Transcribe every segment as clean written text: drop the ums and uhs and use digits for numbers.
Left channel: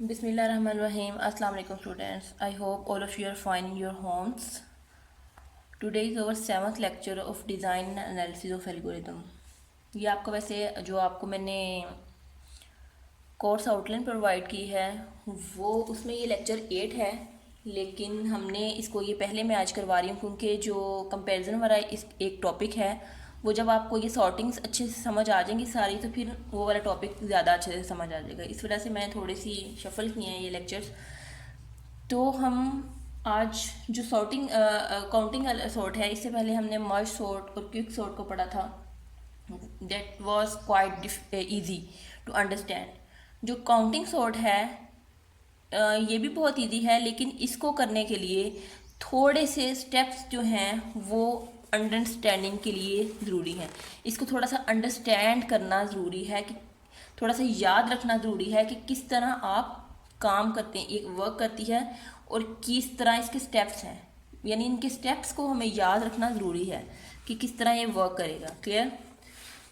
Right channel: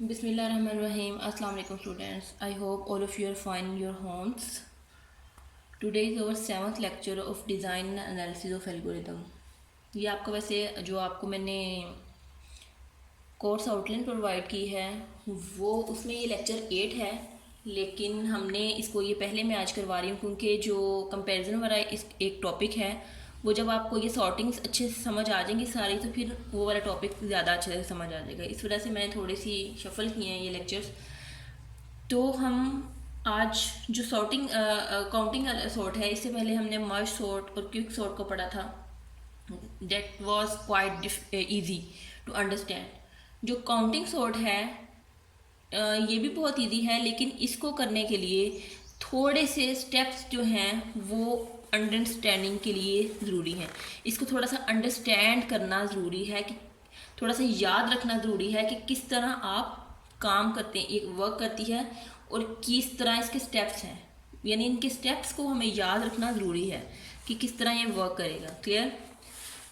Bismillahirrahmanirrahim. Assalamu alaikum students. I hope all of you are fine in your homes. Today is our 7th lecture of design and analysis of algorithm. ये आपका वैसे जो आपको मैंने course outline provide की है वो उसमें ये लेक्चर 8 है, लेकिन हमने इसको ये पहले मैं आज करवा रही हूँ क्योंकि जो कंपैरिजन वाला इस एक टॉपिक है वो जब आपको ये सॉर्टिंग्स अच्छे से समझ आ जाएंगी सारी तो फिर वो वाला टॉपिक ज़्यादा अच्छे से समझ आ जाएगा। इस वजह से मैंने थोड़ी सी शफल किए हैं ये लेक्चर्स। तो हम आज जो सॉर्टिंग काउंटिंग सॉर्ट है, इससे पहले हमने मर्ज सॉर्ट और क्विक सॉर्ट को पढ़ा था। That was quite easy to understand. जो काउंटिंग सॉर्ट है ये भी बहुत इजी है, लेकिन इसको करने के लिए थोड़े से स्टेप्स जो हैं वो अंडरस्टैंडिंग के लिए ज़रूरी है। इसको थोड़ा सा अंडरस्टैंड करना ज़रूरी है, कि थोड़ा सा याद रखना ज़रूरी है कि किस तरह आप काम करते हैं, एक वर्क करती है और किस तरह इसके स्टेप्स हैं। यानी इनके स्टेप्स को हमें याद रखना ज़रूरी है कि किस तरह ये वर्क करेगा। क्लियर?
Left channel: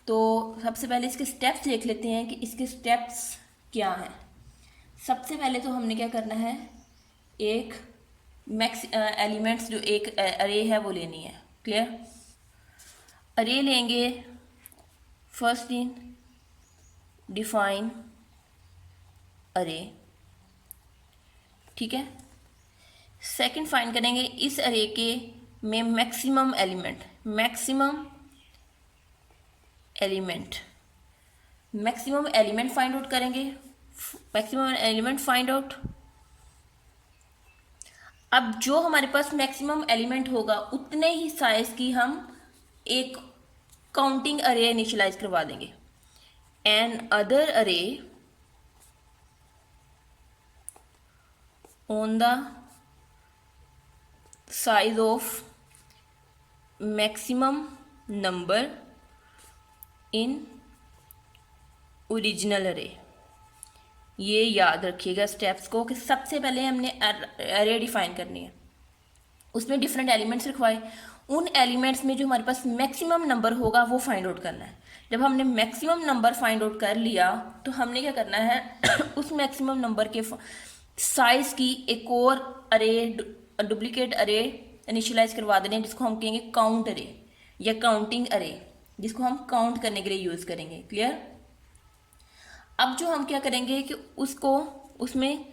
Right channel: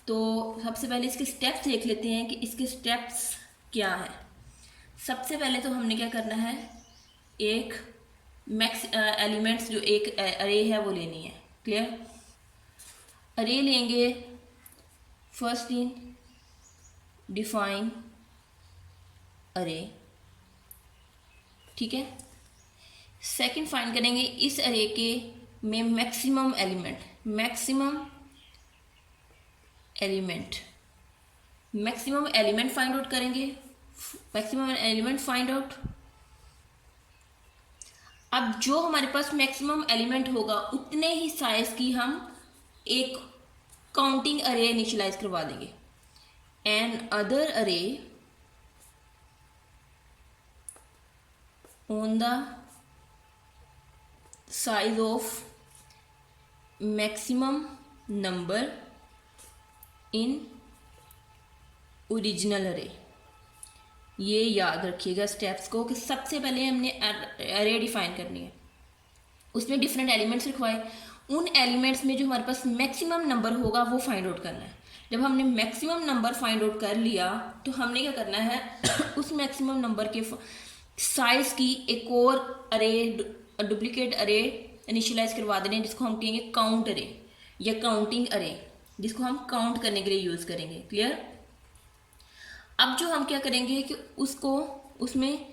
तो सबसे पहले इसके स्टेप्स देख लेते हैं कि इसके स्टेप्स क्या हैं। सबसे पहले तो हमने क्या करना है, एक मैक्स एलिमेंट्स जो एक अरे है वो लेनी है। क्लियर? अरे लेंगे, फर्स्ट इन डिफाइन अरे, ठीक है। सेकंड फाइंड करेंगे इस अरे के में maximum element, maximum element find out करेंगे, मैक्सिमम एलिमेंट फाइंड आउट। अब जो हमारे पास मैक्सिमम एलिमेंट होगा उतने ही साइज की हम एक काउंटिंग अरे इनिशियलाइज करवा देंगे। एन अदर अरे on the size of maximum number in original अरे। ये याद रखिएगा स्टेप्स को कि सबसे पहले हमने अरे डिफाइन करनी है, उसमें डिफरेंट एलिमेंट्स लिखवाए, उन एलिमेंट्स में जो हमारे पास मैक्सिमम नंबर होगा वो फाइंड आउट करना है। जब हमने मैक्सिमम नंबर फाइंड आउट कर लिया तो हमने क्या करना है उस मैक्सिमम नंबर के साइज की एक और अरे, डुप्लीकेट अरे इनिशियलाइज करवा देने, जिसको हम कहेंगे काउंट अरे या काउंटिंग अरे, जिसको हम काउंट करने के लिए यूज़ करेंगे। क्लियर? अब जो हम क्या करेंगे कि उसको उसमें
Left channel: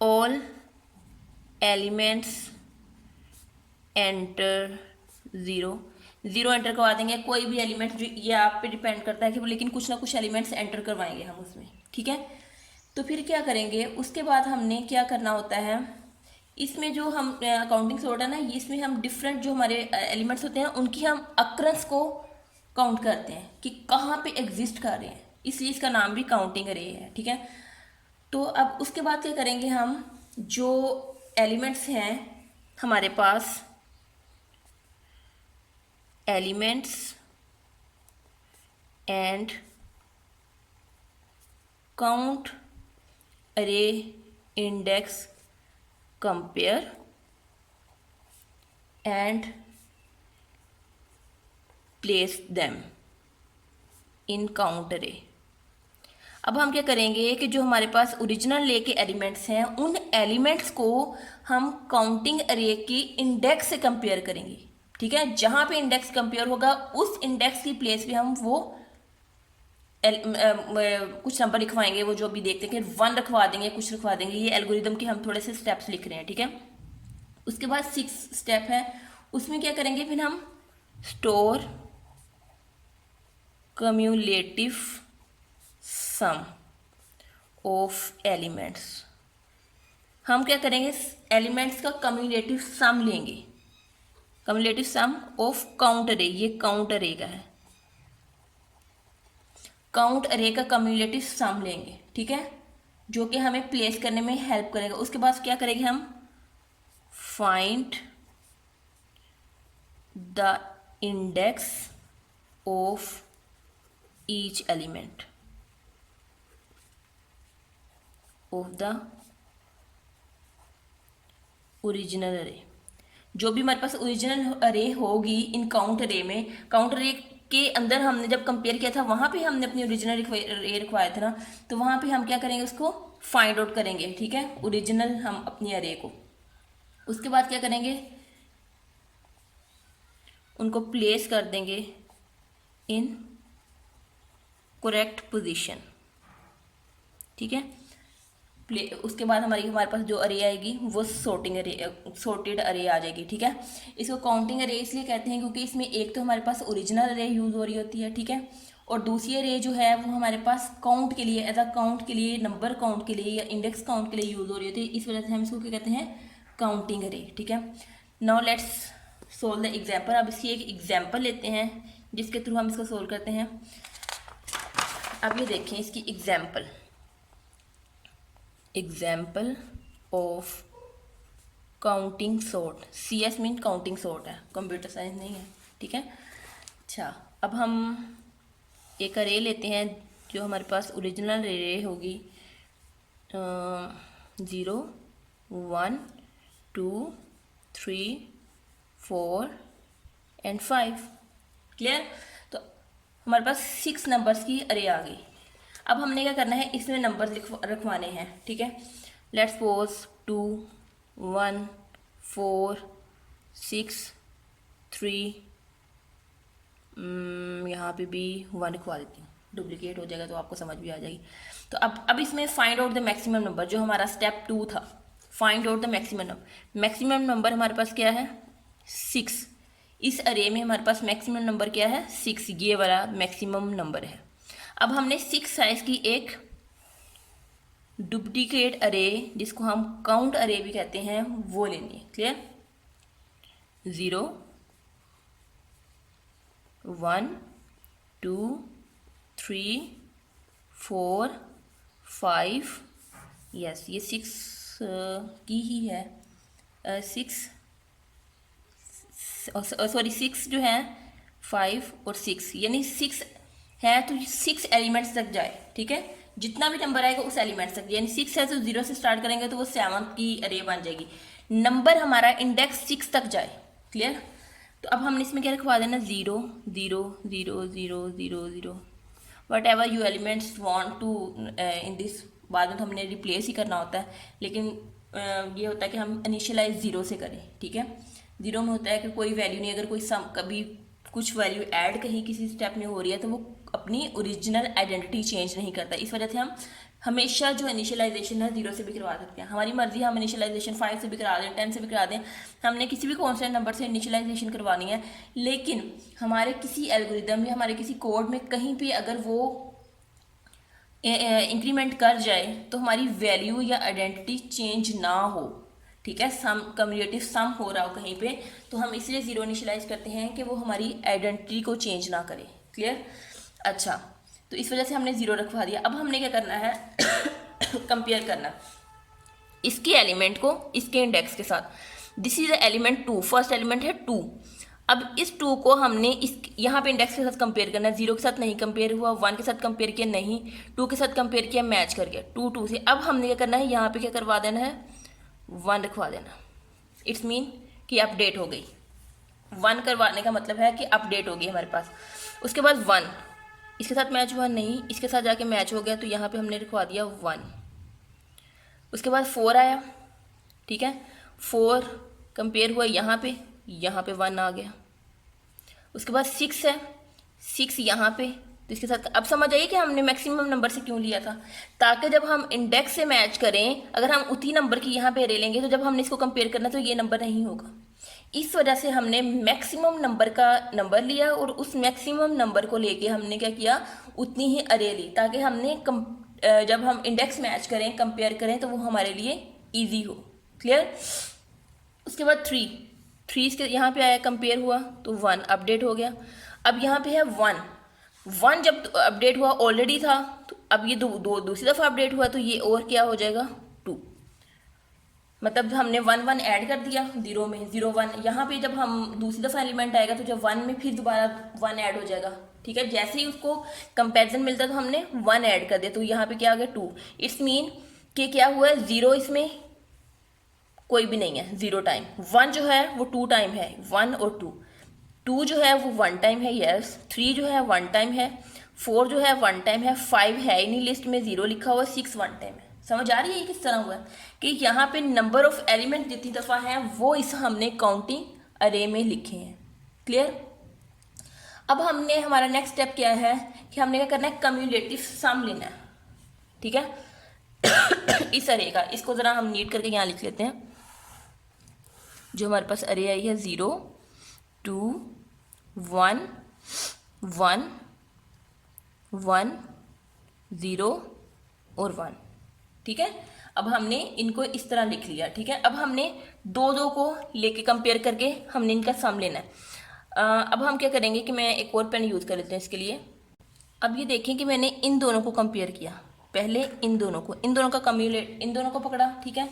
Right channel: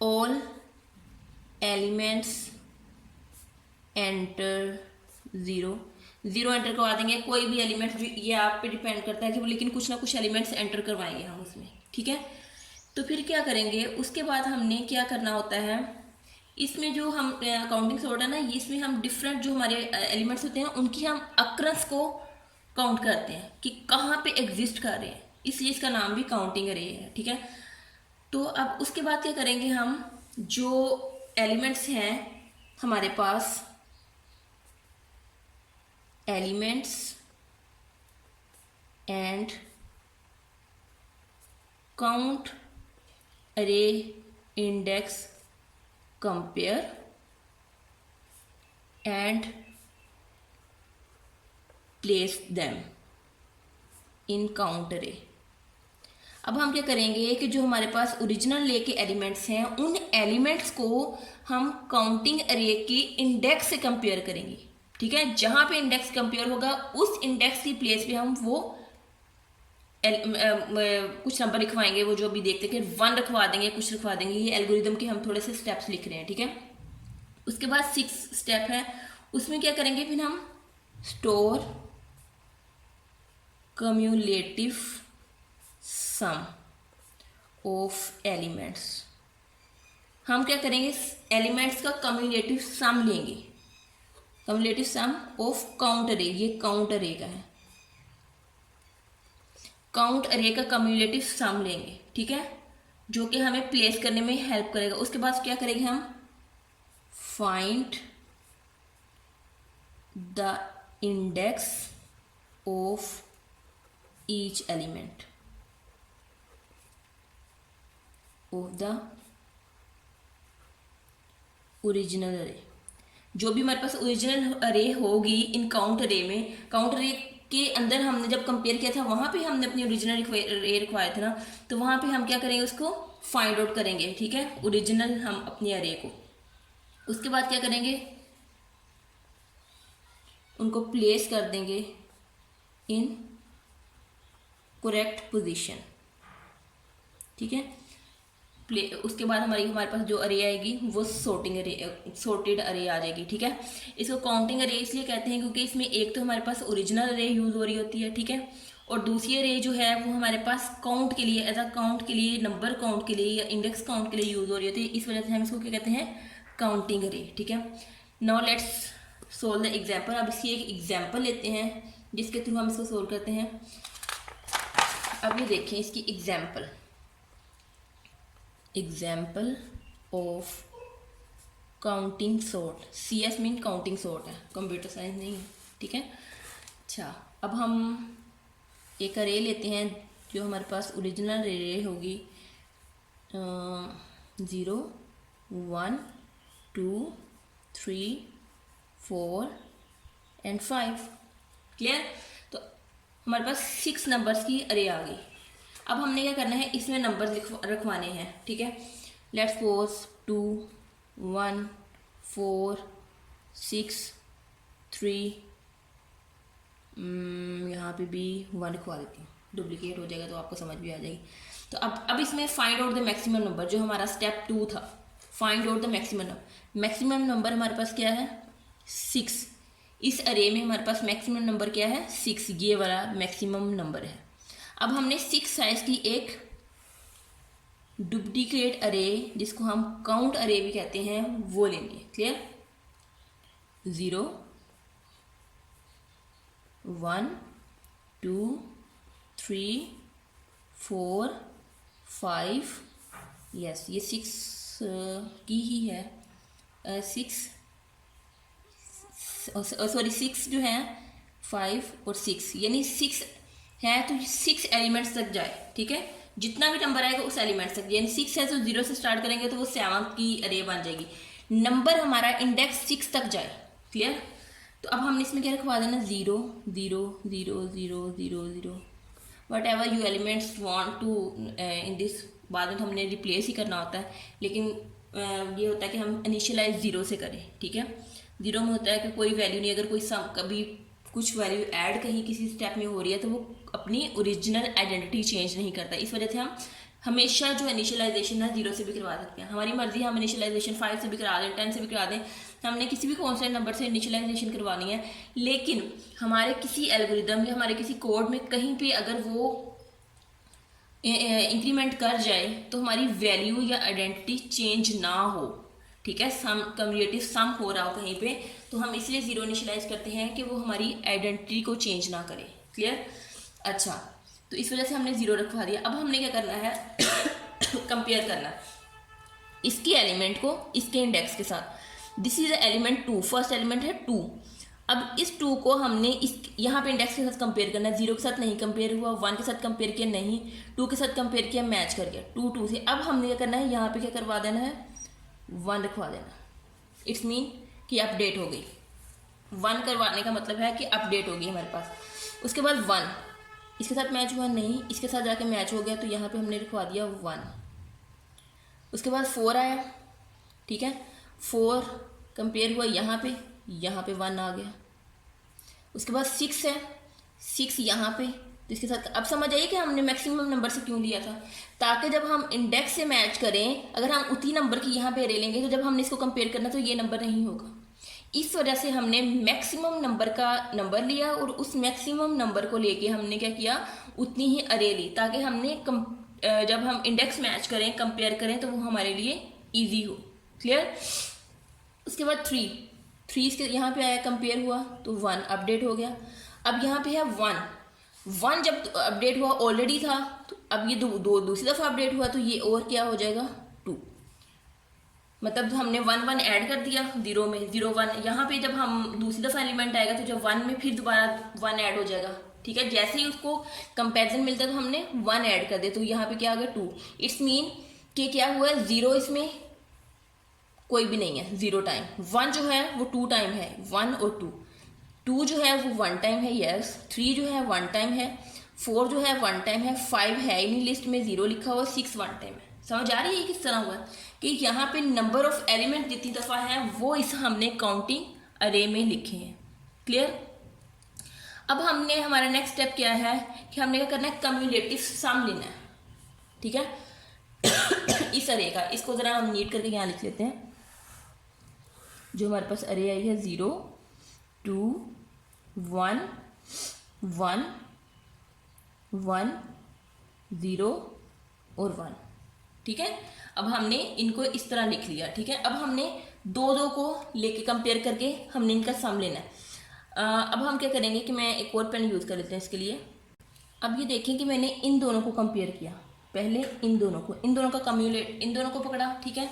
all elements enter zero enter करवा देंगे। कोई भी एलिमेंट्स जो ये आप पे डिपेंड करता है कि लेकिन कुछ ना कुछ एलिमेंट्स एंटर करवाएंगे हम उसमें, ठीक है। तो फिर क्या करेंगे, उसके बाद हमने क्या करना होता है, इसमें जो हम काउंटिंग सॉर्ट है ना, इसमें हम डिफरेंट जो हमारे एलिमेंट्स होते हैं उनकी हम अक्रंस को काउंट करते हैं कि कहाँ पे एग्जिस्ट कर रहे हैं, इसलिए इसका नाम भी काउंटिंग अरे है, ठीक है। तो अब उसके बाद क्या करेंगे, हम जो एलिमेंट्स हैं हमारे पास, एलिमेंट्स एंड काउंट अरे index compare and place them in count अरे। अब हम क्या करेंगे कि जो हमारे पास ओरिजिनल ले के एलिमेंट्स हैं उन एलिमेंट्स को हम काउंटिंग अरे के इंडेक्स से कंपेयर करेंगे, ठीक है। जहाँ पे इंडेक्स कंपेयर होगा उस इंडेक्स की प्लेस पे हम वो कुछ नंबर लिखवाएंगे, वो जो भी देखते हैं कि 1 रखवा देंगे, कुछ रखवा देंगे। ये एल्गोरिदम के हम थोड़े से स्टेप्स लिख रहे हैं, ठीक है। उसके बाद 6 स्टेप है, उसमें क्या करेंगे, फिर हम store cumulative sum of elements. हम क्या करेंगे, एलिमेंट्स का कम्युलेटिव सम लेंगे, कम्युलेटिव सम ऑफ काउंट अरे। ये काउंट अरे का है, काउंट अरे का कम्युलेटिव सम लेंगे, ठीक है, जो कि हमें प्लेस करने में हेल्प करेगा। उसके बाद क्या करेंगे, हम find the index of each element of the original अरे। जो भी हमारे पास ओरिजिनल अरे होगी इन काउंट अरे में, काउंट अरे के अंदर हमने जब कंपेयर किया था वहाँ पे हमने अपनी ओरिजिनल अरे रखवाया था ना, तो वहाँ पे हम क्या करेंगे, उसको फाइंड आउट करेंगे, ठीक है, ओरिजिनल हम अपनी अरे को। उसके बाद क्या करेंगे, उनको प्लेस कर देंगे इन करेक्ट पोजीशन, ठीक है। उसके बाद हमारे पास जो अरे आएगी वो सॉर्टेड अरे आ जाएगी, ठीक है। इसको काउंटिंग अरे इसलिए कहते हैं क्योंकि इसमें एक तो हमारे पास ओरिजिनल अरे यूज़ हो रही होती है, ठीक है, और दूसरी अरे जो है वो हमारे पास काउंट के लिए, एज अ काउंट के लिए, नंबर काउंट के लिए या इंडेक्स काउंट के लिए यूज़ हो रही होती है। इस वजह से हम इसको क्या कहते हैं, काउंटिंग अरे, ठीक है। Now let's solve the example. अब इसकी एक एग्जाम्पल लेते हैं जिसके थ्रू हम इसको सोल्व करते हैं। अब ये देखें इसकी example of counting sort. CS mean counting sort है, कंप्यूटर साइंस नहीं है, ठीक है। अच्छा, अब हम एक अरे लेते हैं जो हमारे पास ओरिजिनल अरे होगी 0 1 2 3 4 एंड 5, क्लियर। तो हमारे पास 6 नंबर्स की अरे आ गई। अब हमने क्या करना है, इसमें नंबर रखवाने हैं, ठीक है। लेट्स सपोज 2 1 4 6 3, यहाँ पे भी 1 लिखवा देती हूँ, डुप्लीकेट हो जाएगा तो आपको समझ भी आ जाएगी। तो अब इसमें find out the maximum number, जो हमारा स्टेप 2 था, find out the maximum number. Maximum number हमारे पास क्या है, 6। इस अरे में हमारे पास मैक्सिमम नंबर क्या है, 6, ये वाला मैक्सिमम नंबर है। अब हमने 6 साइज की एक डुप्लीकेट अरे, जिसको हम काउंट अरे भी कहते हैं, वो लेनी है, क्लियर। 0 1 2 3 4 5, यस ये 6 की ही है, 6 जो है 5 और 6, यानी 6 है तो 6 एलिमेंट्स तक जाए, ठीक है। जितना भी नंबर आएगा उस एलिमेंट्स तक, यानी 6 है तो 0 से स्टार्ट करेंगे तो वो 7 की अरे बन जाएगी। नंबर हमारा इंडेक्स 6 तक जाए, क्लियर। तो अब हमने इसमें क्या रखवा देना, 0 0 0 0 0 0, whatever you elements want to in this. बाद में तो हमने रिप्लेस ही करना होता है, लेकिन ये होता है कि हम इनिशियलाइज 0 से करें, ठीक है। 0 में होता है कि कोई वैल्यू नहीं, अगर कोई सम कभी कुछ वैल्यू ऐड कहीं किसी स्टेप में हो रही है तो वो अपनी ओरिजिनल आइडेंटिटी चेंज नहीं करता। इस वजह से हम हमेशा जो इनिशियलाइजेशन है 0 से भी करवा सकते हैं, हमारी मर्जी, हम इनिशियलाइजेशन 5 से भी करा दें, 10 से भी करा दें, हमने किसी भी कॉन्स्टेंट नंबर से इनिशियलाइजेशन करवानी है। लेकिन हमारे किसी एल्गोरिदम या हमारे किसी कोड में कहीं पे अगर वो इंक्रीमेंट कर जाए तो हमारी वैल्यू या आइडेंटिटी चेंज ना हो, ठीक है। सम कम्युनिटिव सम हो रहा हो कहीं पे, तो हम इसलिए 0 इनिशियलाइज करते हैं कि वो हमारी आइडेंटिटी को चेंज ना करे, क्लियर। अच्छा, तो इस वजह से हमने 0 रखवा दिया। अब हमने क्या करना है, कंपेयर करना है इसके एलिमेंट को इसके इंडेक्स के साथ। This is element 2, first element है 2। अब इस 2 को हमने इस यहाँ पे इंडेक्स के साथ कंपेयर करना है। 0 के साथ नहीं कंपेयर हुआ, 1 के साथ कंपेयर किया नहीं, 2 के साथ कंपेयर किया, मैच कर गया 2 2 से। अब हमने क्या करना है, यहाँ पे क्या करवा देना है, 1 रखवा देना। इट्स मीन कि अपडेट हो गई। 1 करवाने का मतलब है कि अपडेट हो गई हमारे पास। उसके बाद 1 इसके साथ मैच हुआ नहीं, इसके साथ जाके मैच हो गया, तो यहाँ पे हमने लिखवा दिया 1। उसके बाद 4 आया, ठीक है, 4 कंपेयर हुआ यहाँ पे 1 आ गया। उसके बाद 6 है, 6 यहाँ पे, तो इसके साथ अब समझ आइए कि हमने मैक्सिमम नंबर से क्यों लिया था, ताकि जब हम इंडेक्स से मैच करें, अगर हम उसी नंबर की यहाँ पे अरे लेंगे तो जब हमने इसको कंपेयर करना तो ये नंबर नहीं होगा। इस वजह से हमने मैक्सिमम नंबर का नंबर लिया और उस मैक्सिमम नंबर को लेके हमने क्या किया, उतनी ही अरे ली, ताकि हमने जब हम इंडेक्स मैच करें, कंपेयर करें, तो वो हमारे लिए ईजी हो, क्लियर। उसके बाद 3 इसके यहाँ पे आया, कंपेयर हुआ तो 1 अपडेट हो गया। अब यहाँ पे है 1 जब अपडेट हुआ ऑलरेडी था, तो अब ये दूसरी दफ़ा अपडेट हुआ तो ये और क्या हो जाएगा 2, मतलब हमने 1 1 ऐड कर दिया 0 में, 0 1। यहाँ पे जब हम दूसरी दफ़ा एलिमेंट आएगा तो जब 1 में फिर दोबारा 1 ऐड हो जाएगा, ठीक है। जैसे ही उसको कंपैरिजन मिलता तो हमने 1 ऐड कर दिया, तो यहाँ पे क्या आ गया 2। इट्स मीन कि क्या हुआ है, 0 इसमें कोई भी नहीं है 0 टाइम, 1 जो है वो 2 टाइम है, 1 और 2। 2 जो है वो 1 टाइम है, यस। 3 जो है 1 टाइम है, 4 जो है 1 टाइम है, 5 है ही नहीं लिस्ट में, 0 लिखा हुआ, 6 1 टाइम है। समझ आ रही है किस तरह हुआ कि यहाँ पे नंबर ऑफ एलिमेंट जितनी दफ़ा हैं वो इस हमने काउंटिंग अरे में लिखे हैं। क्लियर। अब हमने हमारा नेक्स्ट स्टेप क्या है कि हमने क्या करना है, कम्युलेटिव सम लेना है। ठीक है इस अरे का, इसको ज़रा हम नीट करके यहाँ लिख लेते हैं। जो हमारे पास अरे आई है 0 2 1 1 1 0 और 1। ठीक है, अब हमने इनको इस तरह लिख लिया। ठीक है, अब हमने दो दो को लेके कंपेयर करके हमने इनका सम लेना है। अब हम क्या करेंगे कि मैं एक और पेन यूज़ कर लेते हैं इसके लिए। अब ये देखें कि मैंने इन दोनों को कंपेयर किया, पहले इन दोनों का इन दोनों को पकड़ा। ठीक है,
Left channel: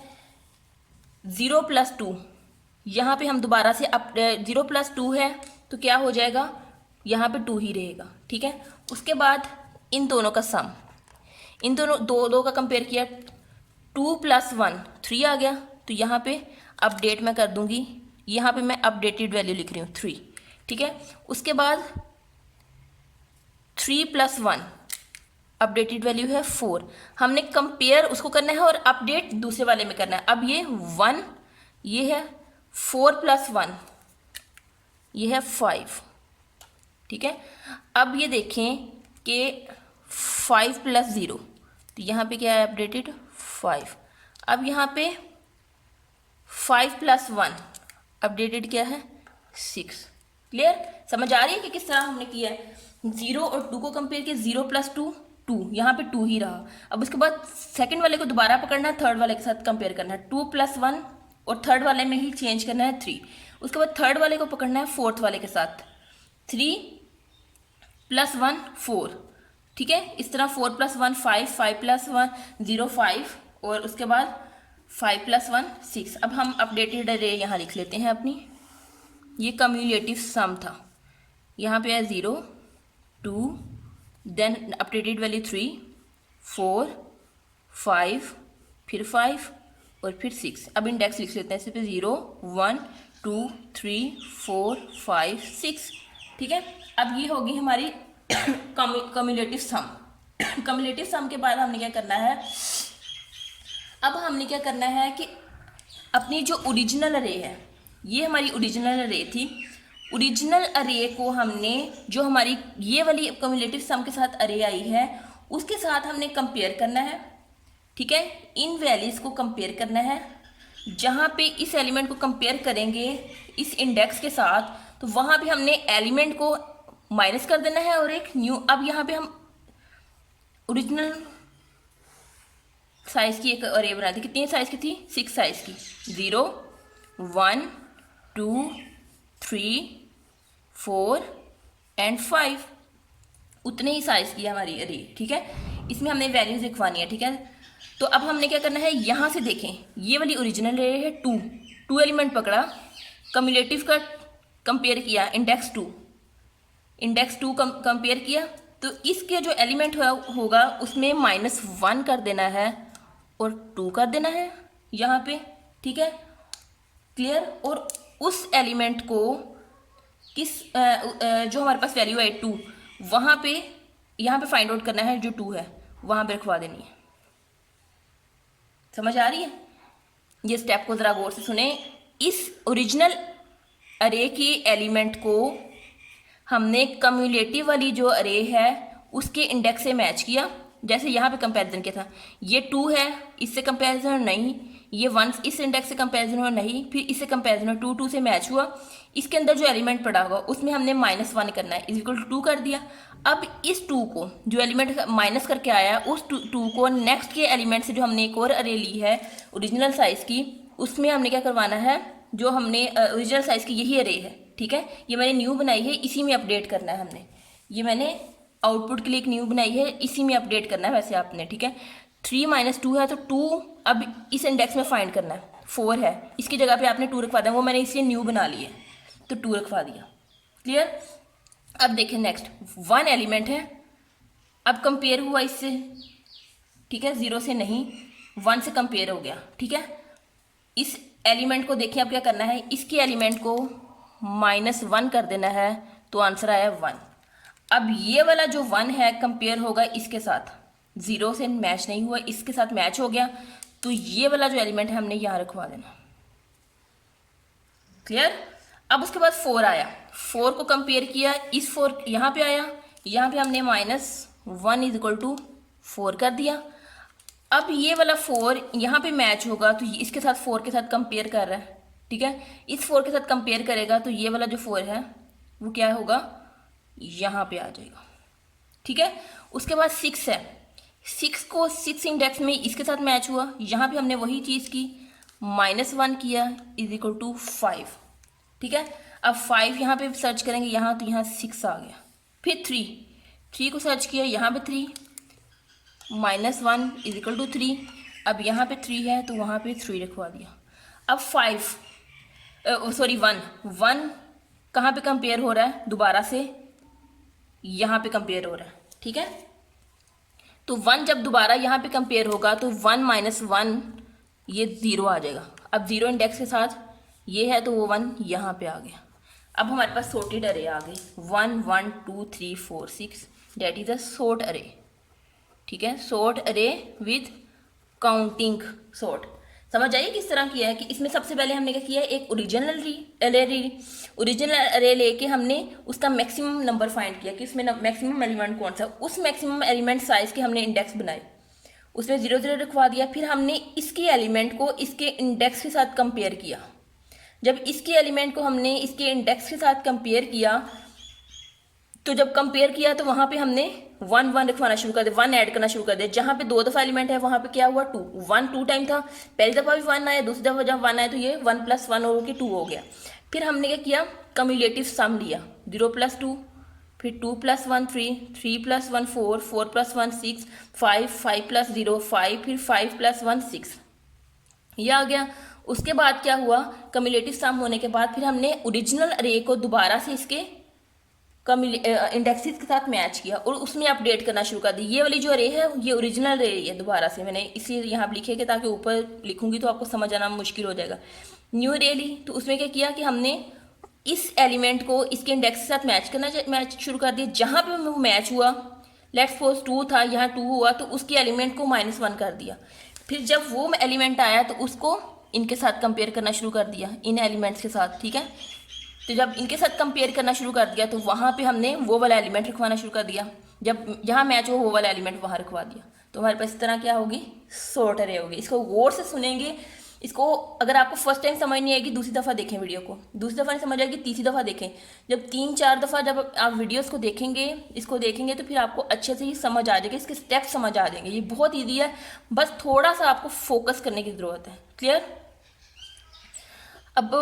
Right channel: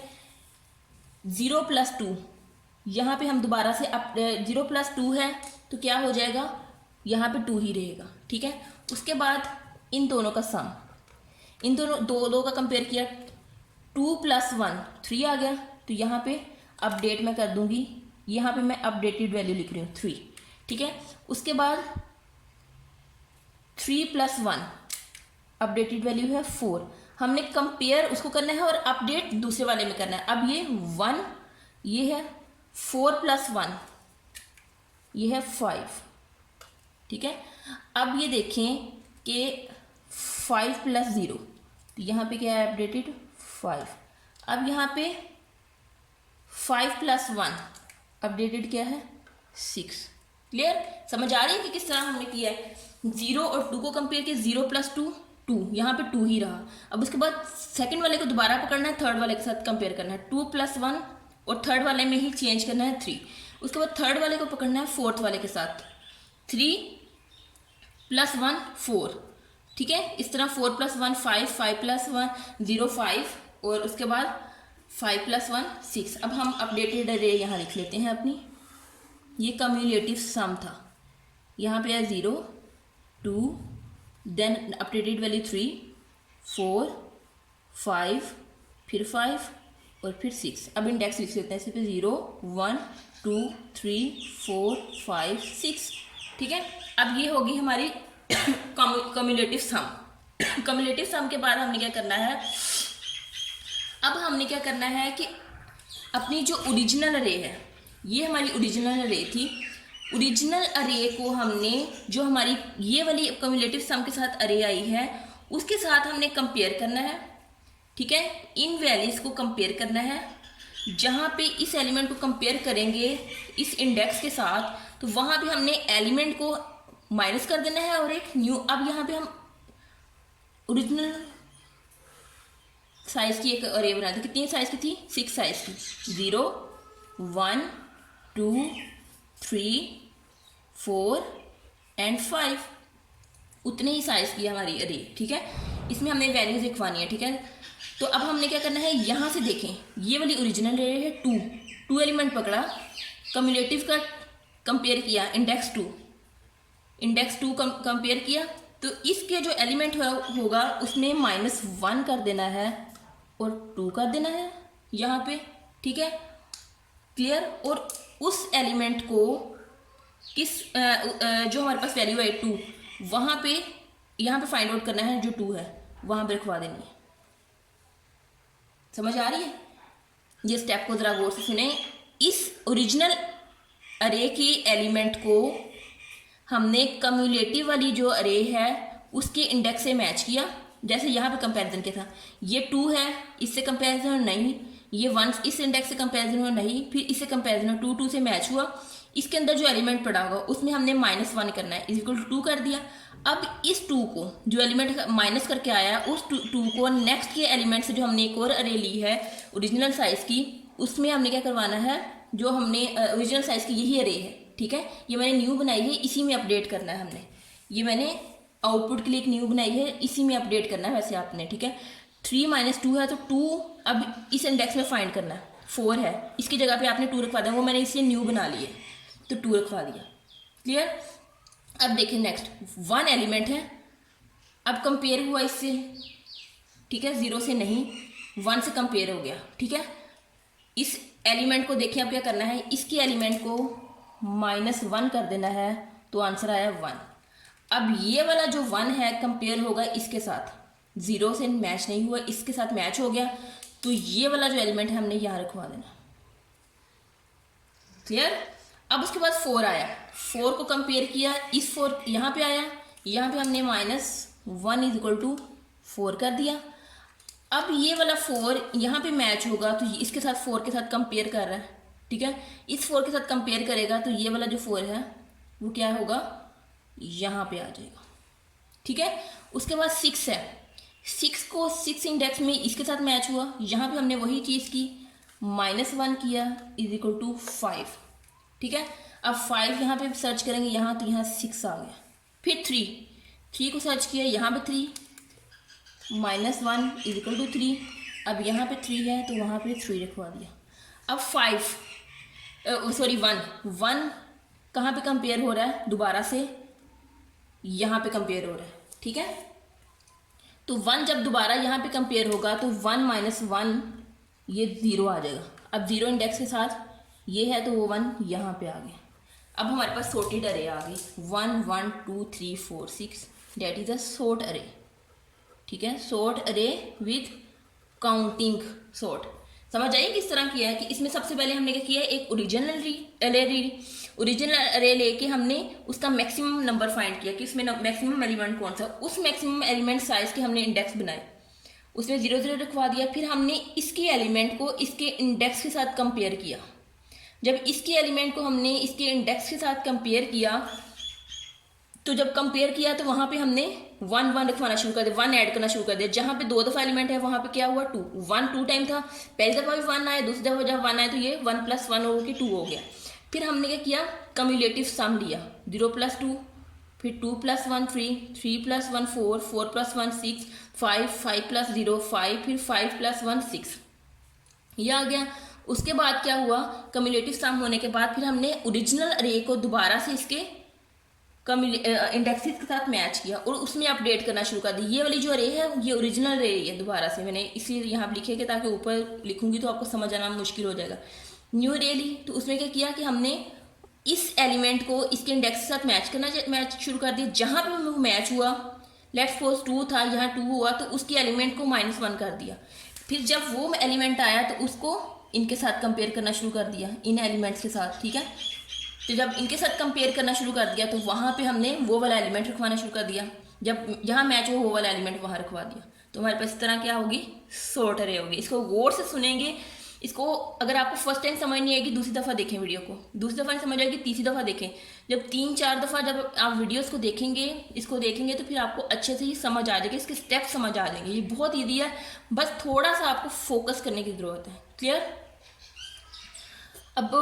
0 + 2, यहाँ पे हम दोबारा से अब 0 + 2 है तो क्या हो जाएगा, यहाँ पे 2 ही रहेगा। ठीक है, उसके बाद इन दोनों का सम, इन दोनों दो का कंपेयर किया, 2 + 1 3 आ गया। तो यहाँ पे अपडेट मैं कर दूंगी, यहाँ पे मैं अपडेटेड वैल्यू लिख रही हूँ 3। ठीक है, उसके बाद 3 + 1 अपडेटेड वैल्यू है 4। हमने कंपेयर उसको करना है और अपडेट दूसरे वाले में करना है। अब ये 1, ये है 4 + 1, ये है 5। ठीक है, अब ये देखें कि 5 + 0, तो यहाँ पे क्या है अपडेटेड 5। अब यहाँ पे 5 + 1 अपडेटेड क्या है 6। क्लियर, समझ आ रही है कि किस तरह हमने किया है। 0 और 2 को कंपेयर किया, 0 + 2 2, यहाँ पे 2 ही रहा। अब उसके बाद सेकंड वाले को दोबारा पकड़ना है, थर्ड वाले के साथ कंपेयर करना है, 2 + 1 और थर्ड वाले में ही चेंज करना है 3। उसके बाद थर्ड वाले को पकड़ना है फोर्थ वाले के साथ, 3 + 1 4। ठीक है, इस तरह 4 + 1 5, 5 + 1 0 5 और उसके बाद 5 + 1 6। अब हम अपडेटेड अरे यहाँ लिख लेते हैं अपनी। ये कम्युलेटिव सम था, यहाँ पे है 0 2 देन अपडेटेड वैल्यू 3 4 5 फिर 5 और फिर 6। अब इंडेक्स लिख लेते हैं इस पे 0 1 2 3 4 5 6। ठीक है, अब ये होगी हमारी कम्युलेटिव सम। कम्युलेटिव सम के बाद हमने क्या करना है, अब हमने क्या करना है कि अपनी जो ओरिजिनल अरे है, ये हमारी ओरिजिनल अरे थी, ओरिजिनल अरे को हमने जो हमारी ये वाली कम्युलेटिव सम के साथ अरे आई है उसके साथ हमने कंपेयर करना है। ठीक है, इन वैल्यूज को कंपेयर करना है। जहाँ पे इस एलिमेंट को कंपेयर करेंगे इस इंडेक्स के साथ, तो वहाँ पे हमने एलिमेंट को माइनस कर देना है और एक न्यू। अब यहाँ पे हम ओरिजिनल साइज की एक अरे बना दी। कितनी साइज की थी, 6 साइज की, 0 1 2 3 4 एंड 5, उतने ही साइज की हमारी अरे। ठीक है, इसमें हमने वैल्यूज लिखवानी है। ठीक है, तो अब हमने क्या करना है, यहाँ से देखें ये वाली ओरिजिनल अरे है 2 एलिमेंट पकड़ा, कम्युलेटिव का कंपेयर किया, इंडेक्स 2 कंपेयर किया, तो इसके जो एलिमेंट होगा उसमें -1 कर देना है और 2 कर देना है यहाँ पे। ठीक है, क्लियर। और उस एलिमेंट को किस जो हमारे पास वैल्यू है 2, वहाँ पे यहाँ पे फाइंड आउट करना है, जो 2 है वहाँ पे रखवा देनी है। समझ आ रही है, ये स्टेप को ज़रा गौर से सुने। इस ओरिजिनल अरे के एलिमेंट को हमने कम्युलेटिव वाली जो अरे है उसके इंडेक्स से मैच किया। जैसे यहाँ पे कंपैरिजन क्या था, ये 2 है, इससे कंपैरिजन नहीं, ये 1 इस इंडेक्स से कंपैरिजन हुआ नहीं, फिर इससे कंपैरिजन 2 से मैच हुआ। इसके अंदर जो एलिमेंट पड़ा होगा उसमें हमने -1 करना है, इक्वल टू 2 कर दिया। अब इस 2 को जो एलिमेंट माइनस करके आया उस 2 को नेक्स्ट के एलिमेंट से जो हमने एक और अरे ली है ओरिजिनल साइज की, उसमें हमने क्या करवाना है, जो हमने ओरिजिनल साइज की यही अरे है। ठीक है, ये मैंने न्यू बनाई है, इसी में अपडेट करना है हमने। ये मैंने आउटपुट के लिए एक न्यू बनाई है, इसी में अपडेट करना है वैसे आपने। ठीक है, 3 - 2 है तो 2 अब इस इंडेक्स में फाइंड करना है। 4 है, इसकी जगह पे आपने 2 रखवा दें, वो मैंने इसे न्यू बना लिए तो 2 रखवा दिया। क्लियर। अब देखें नेक्स्ट 1 एलिमेंट है, अब कंपेयर हुआ इससे। ठीक है, 0 से नहीं 1 से कंपेयर हो गया। ठीक है, इस एलिमेंट को देखिए अब क्या करना है, इसके एलिमेंट को -1 कर देना है, तो आंसर आया 1। अब ये वाला जो 1 है कंपेयर होगा इसके साथ, 0 से मैच नहीं हुआ, इसके साथ मैच हो गया, तो ये वाला जो एलिमेंट है हमने यहाँ रखवा देना। क्लियर। अब उसके बाद 4 आया, 4 को कंपेयर किया, इस 4 यहाँ पे आया, यहाँ पे हमने -1 = 4 कर दिया। अब ये वाला 4 यहाँ पे मैच होगा, तो इसके साथ 4 के साथ कंपेयर कर रहा है, ठीक है। इस 4 के साथ कंपेयर करेगा तो ये वाला जो 4 है वो क्या होगा, यहाँ पे आ जाएगा, ठीक है। उसके बाद 6 है, 6 को 6 इंडेक्स में इसके साथ मैच हुआ, यहाँ पे हमने वही चीज़ की, -1 किया = 5, ठीक है। अब 5 यहाँ पे सर्च करेंगे, यहाँ तो यहाँ 6 आ गया। फिर 3 को सर्च किया, यहाँ पे 3, -1 = 3। अब यहाँ पे 3 है तो वहाँ पे 3 रखवा दिया। अब 1 कहाँ पे कंपेयर हो रहा है, दोबारा से यहाँ पे कंपेयर हो रहा है, ठीक है। तो 1 जब दोबारा यहाँ पे कंपेयर होगा तो 1 - 1 ये 0 आ जाएगा। अब 0 इंडेक्स के साथ ये है तो वो 1 यहाँ पे आ गया। अब हमारे पास सॉर्टेड अरे आ गई, 1 1 2 3 4 6, डेट इज अ सॉर्ट अरे, ठीक है। सॉर्ट अरे विथ काउंटिंग सॉर्ट। समझ आइए किस तरह किया है कि इसमें सबसे पहले हमने क्या किया है, एक ओरिजिनल अरे लेके हमने उसका मैक्सिमम नंबर फाइंड किया कि उसमें मैक्सिमम एलिमेंट कौन सा, उस मैक्सिमम एलिमेंट साइज के हमने इंडेक्स बनाए, उसमें 0 0 रखवा दिया। फिर हमने इसके एलिमेंट को इसके इंडेक्स के साथ कंपेयर किया। जब इसके एलिमेंट को हमने इसके इंडेक्स के साथ कंपेयर किया, तो जब कंपेयर किया तो वहाँ पे हमने 1 1 रखवाना शुरू कर दिया, 1 ऐड करना शुरू कर दिया। जहाँ पे 2 दफ़ा एलिमेंट है वहाँ पे क्या हुआ, 2 1 2 टाइम था, पहली दफ़ा भी 1 आया, दूसरी दफ़ा जब 1 आया तो ये 1 + 1 होकर 2 हो गया। फिर हमने क्या किया, कम्युलेटिव सम लिया, 0 + 2, फिर 2 + 1 3, 3 + 1 4, 4 + 1 6, 5 5 + 0 5, फिर 5 + 1 6, ये आ गया। उसके बाद क्या हुआ, कम्युलेटिव सम होने के बाद फिर हमने ओरिजिनल अरे को दोबारा से इसके इंडेक्सेस के साथ मैच किया और उसमें अपडेट करना शुरू कर दी। ये वाली जो अरे है ये ओरिजिनल अरे है, दोबारा से मैंने इसलिए यहाँ पर लिखे कि ताकि ऊपर लिखूंगी तो आपको समझ आना मुश्किल हो जाएगा। न्यू अरे ली, तो उसमें क्या किया कि हमने इस एलिमेंट को इसके इंडेक्स के साथ मैच शुरू कर दिया। जहाँ पे वो मैच हुआ, लेट्स सपोज 2 था, यहाँ 2 हुआ, तो उसके एलिमेंट को -1 कर दिया। फिर जब वो एलिमेंट आया तो उसको इनके साथ कंपेयर करना शुरू कर दिया, इन एलिमेंट्स के साथ, ठीक है। तो जब इनके साथ कंपेयर करना शुरू कर दिया तो वहाँ पे हमने वो वाला एलिमेंट रखवाना शुरू कर दिया, जब जहाँ मैच हो वो वाला एलिमेंट वहाँ रखवा दिया। तो हमारे पास इस तरह क्या होगी, सॉर्ट अरे होगी। इसको गौर से सुनेंगे, इसको अगर आपको फर्स्ट टाइम समझ नहीं आएगी दूसरी दफ़ा देखें वीडियो को, दूसरी दफ़ा नहीं समझ आएगी तीसरी दफ़ा देखें। जब 3 4 दफ़ा जब आप वीडियोस को देखेंगे, इसको देखेंगे तो फिर आपको अच्छे से ही समझ आ जाएगी, इसके स्टेप समझ आ जाएंगे। ये बहुत ईजी है, बस थोड़ा सा आपको फोकस करने की ज़रूरत है। क्लियर। अब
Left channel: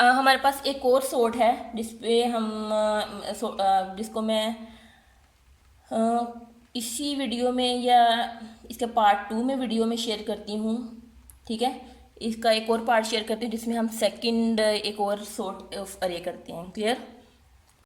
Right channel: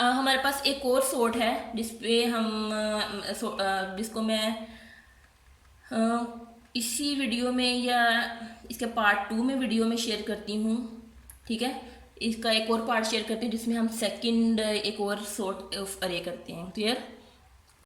हमारे पास एक और सॉर्ट है जिसपे हम जिसको मैं इसी वीडियो में या इसके पार्ट 2 में वीडियो में शेयर करती हूँ, ठीक है। इसका एक और पार्ट शेयर करते हैं जिसमें हम सेकंड एक और सॉर्ट अरे करते हैं। क्लियर।